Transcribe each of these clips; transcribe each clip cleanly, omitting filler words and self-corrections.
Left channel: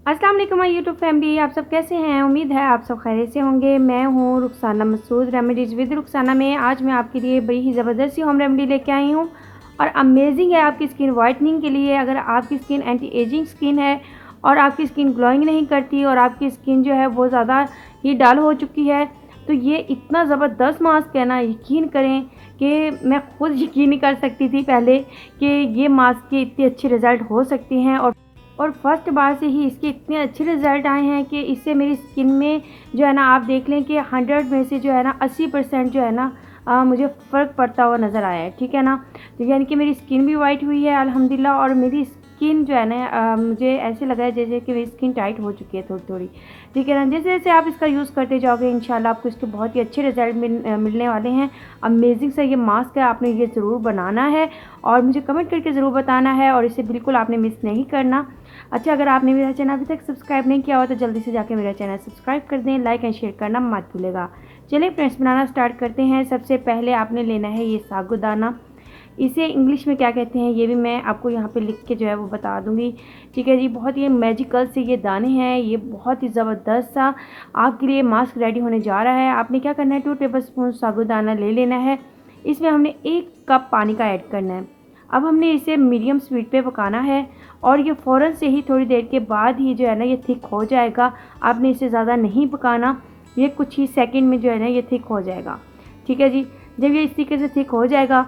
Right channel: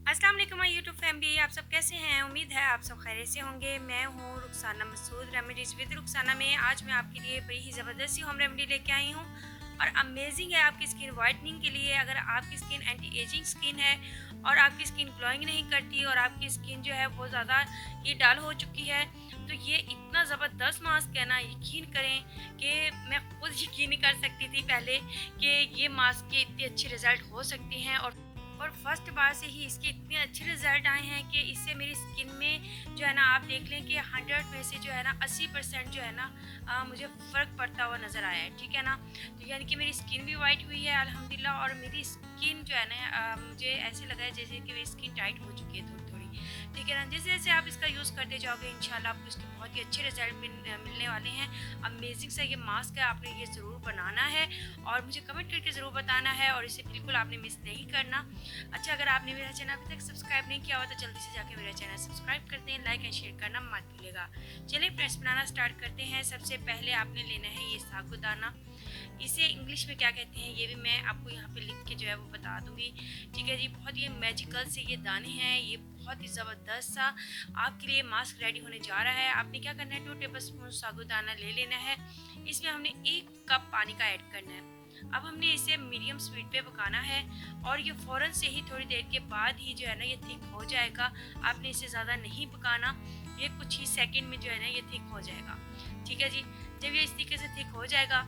अस्सलाम वालेकुम my YouTube family, आप सब कैसे हैं। उम्मीद है आप सब खैरियत से होंगे। मैं हूँ रुखसाना मसूद, रेमेडीज़ विद रुखसाना में। आज मैं आपके लिए बड़ी ही ज़बरदस्त सी होम रेमेडी लेके आई हूँ और अमेजिंग है आपकी स्किन वाइटनिंग के लिए। अगर आपकी स्किन एंटी एजिंग स्किन है और आपकी स्किन ग्लोइंग नहीं करती और आपकी स्किन जो है वो ज़्यादा ही डल हो चुकी है, तो ये इतना ज़बरदस्त मास्क है ना, यकीन करें कि मैं खुद यकीन नहीं कर सकती थी पहले कि ये मास्क के इतने अच्छे रिज़ल्ट हो सकते हैं। और फर्स्ट बार से ही इसके इतने अच्छे रिज़ल्ट आए हैं कि इससे मेरी स्किन में जो है ना, आप देख लें कि 100 में से जो है ना 80% जो है ना मुझे फ़र्क पड़ता हुआ नज़र आया है। ठीक है ना, तो यानी कि मेरी स्किन भी वाइट हुई है अल्हम्दुलिल्लाह। और मेरी स्किन जो है ना मुझे ऐसे लगा है जैसे कि मेरी स्किन टाइट हो चुकी है थोड़ी थोड़ी। ठीक है ना, जैसे जैसे आप इसका यूज़ करते जाओगे इंशाल्लाह आपको इसके बहुत ही अच्छे रिज़ल्ट मिलने वाले हैं। अमेजिंग सा ये मास्क है, आपने ये ज़रूर बनाना है और मुझे कमेंट करके ज़रूर बताना है और इसे बिल्कुल आपने मिस नहीं करना। अच्छा, अगर आपने मेरा चैनल अभी तक सब्सक्राइब नहीं किया हुआ तो जल्दी से जाकर मेरा चैनल सब्सक्राइब कर दें, लाइक एंड शेयर करना मत भूलिएगा। चलिए फ्रेंड्स, बनाना स्टार्ट करते हैं। सबसे पहले आपने लेना है ये साबूदाना। इसे इंग्लिश में क्या कहते हैं ये भी मैं आपको यहाँ पे लिख के जो है वो बता दूँगी। ठीक है जी, बहुत ही मैजिकल से ये दाने हैं, ये बहुत ही ज़बरदस्त सा आपके लिए मास्क रेडी होने जा रहा है। आपने क्या करना है, 2 टेबल स्पून साबूदाना ले लेना है। इसमें हमने 1 कप पानी का ऐड करना है। अब हमने इसे मीडियम स्पीड पे पकाना है और ये फ़ौरन से ही थोड़ी देर के बाद ही जो है ना ये थिक हो जाएगा। आपने इसे ज़्यादा नहीं पकाना, ये कुछ ही सेकंड में जो है ना ये थिक हो जाएगा। ठीक है जी, जब ये इस तरीके से थिक हो जाएगा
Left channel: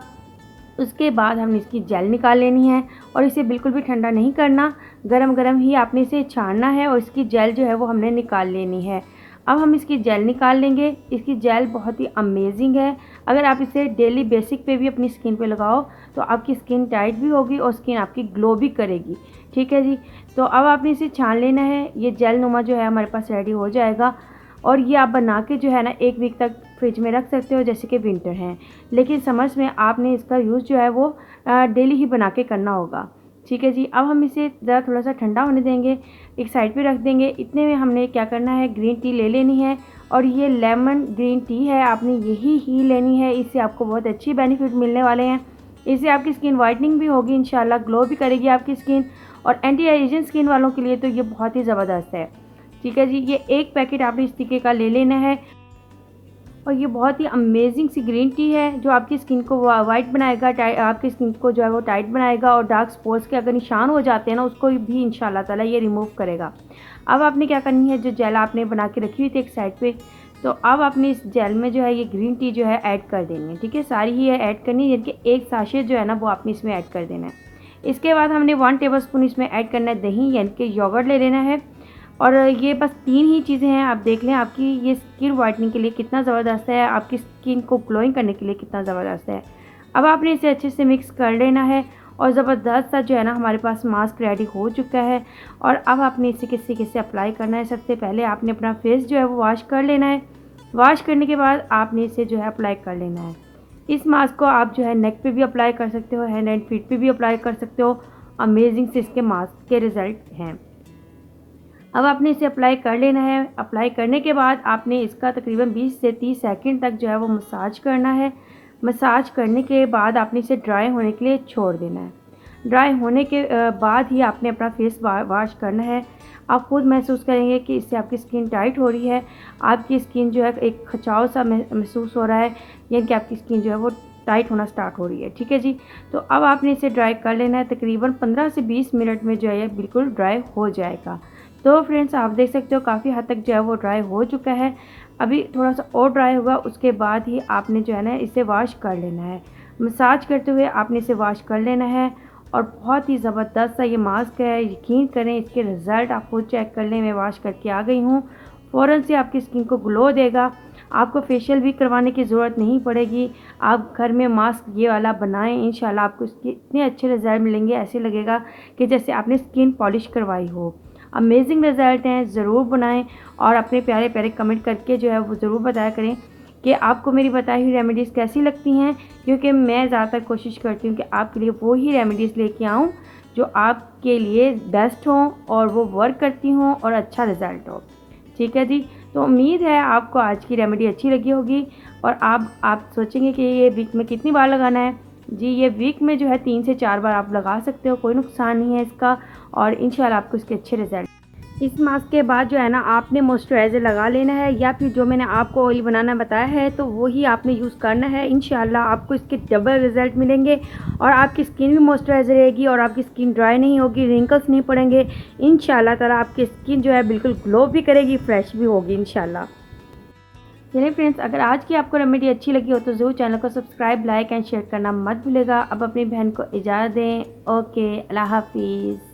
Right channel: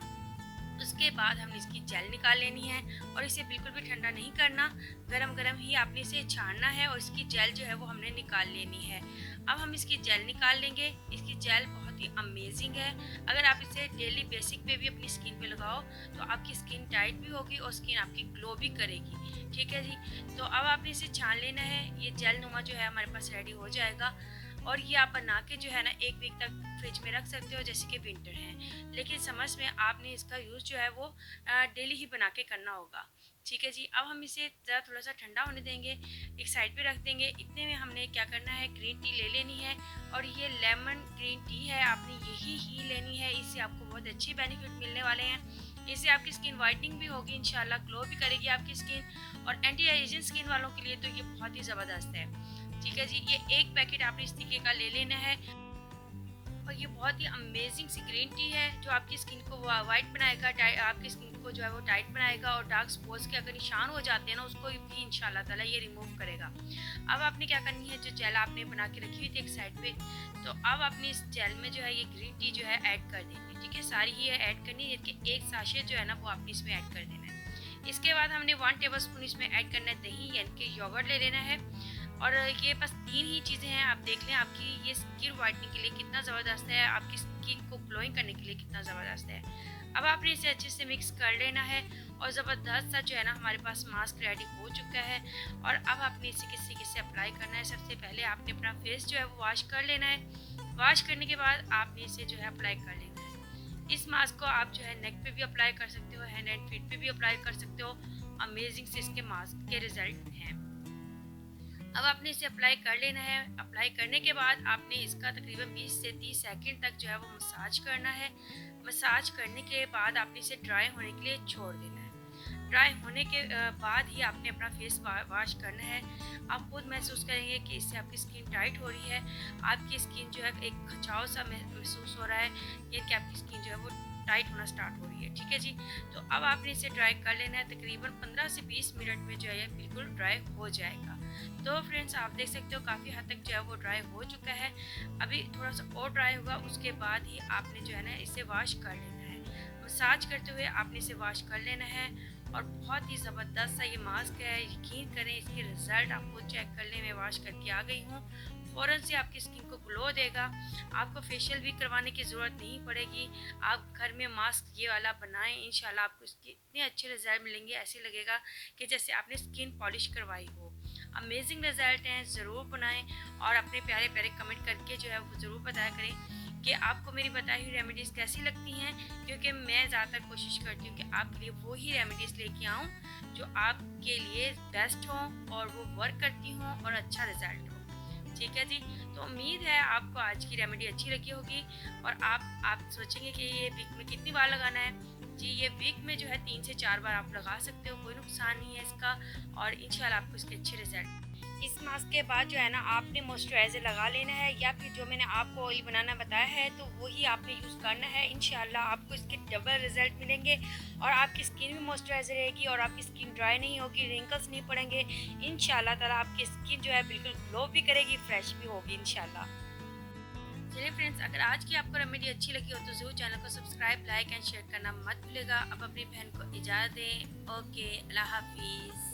उसके बाद हमने इसकी जेल निकाल लेनी है और इसे बिल्कुल भी ठंडा नहीं करना, गरम गरम ही आपने इसे छानना है और इसकी जेल जो है वो हमने निकाल लेनी है। अब हम इसकी जेल निकाल लेंगे। इसकी जेल बहुत ही अमेजिंग है। अगर आप इसे डेली बेसिक पे भी अपनी स्किन पे लगाओ तो आपकी स्किन टाइट भी होगी और स्किन आपकी ग्लो भी करेगी। ठीक है जी, तो अब आपने इसे छान लेना है। ये जेल नुमा जो है हमारे पास रेडी हो जाएगा और ये आप बना के जो है ना 1 वीक तक फ्रिज में रख सकते हो, जैसे कि विंटर है। लेकिन समर्स में आपने इसका यूज़ जो है वो डेली ही बना के करना होगा। ठीक है जी, अब हम इसे ज़रा थोड़ा सा ठंडा होने देंगे, एक साइड पे रख देंगे। इतने में हमने क्या करना है, ग्रीन टी ले लेनी है और ये लेमन ग्रीन टी है, आपने यही ही लेनी है। इससे आपको बहुत अच्छी बेनिफिट मिलने वाले हैं। इससे आपकी स्किन वाइटनिंग भी होगी इंशाल्लाह, ग्लो भी करेगी आपकी स्किन और एंटी एजिंग स्किन वालों के लिए तो ये बहुत ही ज़बरदस्त है। ठीक है जी, ये 1 पैकेट आपने इस तरीके का ले लेना है और ये बहुत ही अमेजिंग सी ग्रीन टी है जो आपकी स्किन को वाइट बनाएगा, आपकी स्किन को जो है वो टाइट बनाएगा और डार्क स्पॉट्स के अगर निशान हो जाते हैं ना उसको भी इंशाल्लाह ताला ये रिमूव करेगा। अब आपने क्या करनी है, जो जेल आपने बना के रखी हुई थी एक साइड पे, तो अब आपने इस जेल में जो है ये ग्रीन टी जो है ऐड कर देनी है। ठीक है, सारी ही ऐड करनी है, यानी कि 1 साशे जो है ना वो आपने इसमें ऐड कर देना है। इसके बाद हमने 1 टेबल स्पून इसमें ऐड करना है दही, यानी कि योगर्ट ले लेना है। और ये बस 3 ही चीज़ें हैं। आप देख लें आपकी ये स्किन वाइटनिंग के लिए कितना ज़बरदस्त है, आपकी स्किन को ग्लोइंग करने के लिए कितना ज़बरदस्त है। अब आपने इसे अच्छे से मिक्स कर लेना है और ज़बरदस्त सा जो है ना हमारे पास मास्क रेडी हो चुका है। और अब आपने इसे किस तरीके से अप्लाई करना है, सबसे पहले आपने अपना फेस जो है वो वॉश कर लेना है। वॉश करने के बाद आपने इसे जो है अप्लाई कर लेना है। इस मास्क को आप जो है नेक पे भी अप्लाई कर सकते हो, हैंड एंड फीट पे भी अप्लाई कर सकते हो। अमेजिंग से इसके मास्क के रिज़ल्ट हैं। अब आपने इसे अप्लाई कर लेना है। अप्लाई करने के बाद आपने इसका तकरीबन 20 से 30 सेकंड तक जो है वो मसाज करना है। मसाज करने के बाद आपने इसे ड्राई होने के लिए छोड़ देना है। ड्राई होने के बाद ही आपने अपना फेस वॉश करना है। आप खुद महसूस करेंगे कि इससे आपकी स्किन टाइट हो रही है, आपकी स्किन जो है एक खिंचाव सा महसूस हो रहा है, यानी कि आपकी स्किन जो है वो टाइट होना स्टार्ट हो रही है। ठीक है जी, तो अब आपने इसे ड्राई कर लेना है। तकरीबन 15 से 20 मिनट में जो है बिल्कुल ड्राई हो जाएगा। तो फ्रेंड्स, आप देख सकते हो काफ़ी हद तक जो है वो ड्राई हो चुका है। अभी थोड़ा सा और ड्राई होगा, उसके बाद ही आपने जो है ना इसे वॉश कर लेना है। मसाज करते हुए आपने इसे वॉश कर लेना है और बहुत ही ज़बरदस्त सा ये मास्क है। यकीन करें इसके रिज़ल्ट आप खुद चेक कर लें। मैं वॉश करके आ गई हूँ, फ़ौरन से आपकी स्किन को ग्लो देगा। आपको फेशियल भी करवाने की ज़रूरत नहीं पड़ेगी। आप घर में मास्क ये वाला बनाएं, इंशाल्लाह आपको इसके इतने अच्छे रिज़ल्ट मिलेंगे, ऐसे लगेगा कि जैसे आपने स्किन पॉलिश करवाई हो। अमेजिंग रिज़ल्ट हैं, ज़रूर बनाएं और अपने प्यारे प्यारे कमेंट करके जो है वो ज़रूर बताया करें कि आपको मेरी बताई हुई रेमेडीज़ कैसी लगती हैं, क्योंकि मैं ज़्यादातर कोशिश करती हूँ कि आपके लिए वो ही रेमेडीज़ लेके आऊँ जो आपके लिए बेस्ट हों और वो वर्क करती हों और अच्छा रिज़ल्ट हो। ठीक है जी, तो उम्मीद है आपको आज की रेमेडी अच्छी लगी होगी और आप सोचेंगे कि ये वीक में कितनी बार लगाना है। जी, ये वीक में जो है 3 से 4 बार आप लगा सकते हो, कोई नुकसान नहीं है इसका और इंशाल्लाह आपको इसके अच्छे रिज़ल्ट इस मास्क के बाद जो है ना आपने मॉइस्चराइज़र लगा लेना है, या फिर जो मैंने आपको ऑयल बनाना बताया है तो वही आपने यूज़ करना है। इंशाल्लाह आपको इसके डबल रिज़ल्ट मिलेंगे और आपकी स्किन भी मॉइस्चराइज़र रहेगी और आपकी स्किन ड्राई नहीं होगी, रिंकल्स नहीं पड़ेंगे। इंशाल्लाह ताला आपकी स्किन जो है बिल्कुल ग्लो भी करेगी, फ्रेश भी होगी इंशाल्लाह। चलिए फ्रेंड्स, अगर आज की आपको रेमेडी अच्छी लगी हो तो ज़रूर चैनल को सब्सक्राइब, लाइक एंड शेयर करना मत भूलिएगा। अब अपनी बहन को इजाज़त दें। ओके, अल्लाह हाफिज़।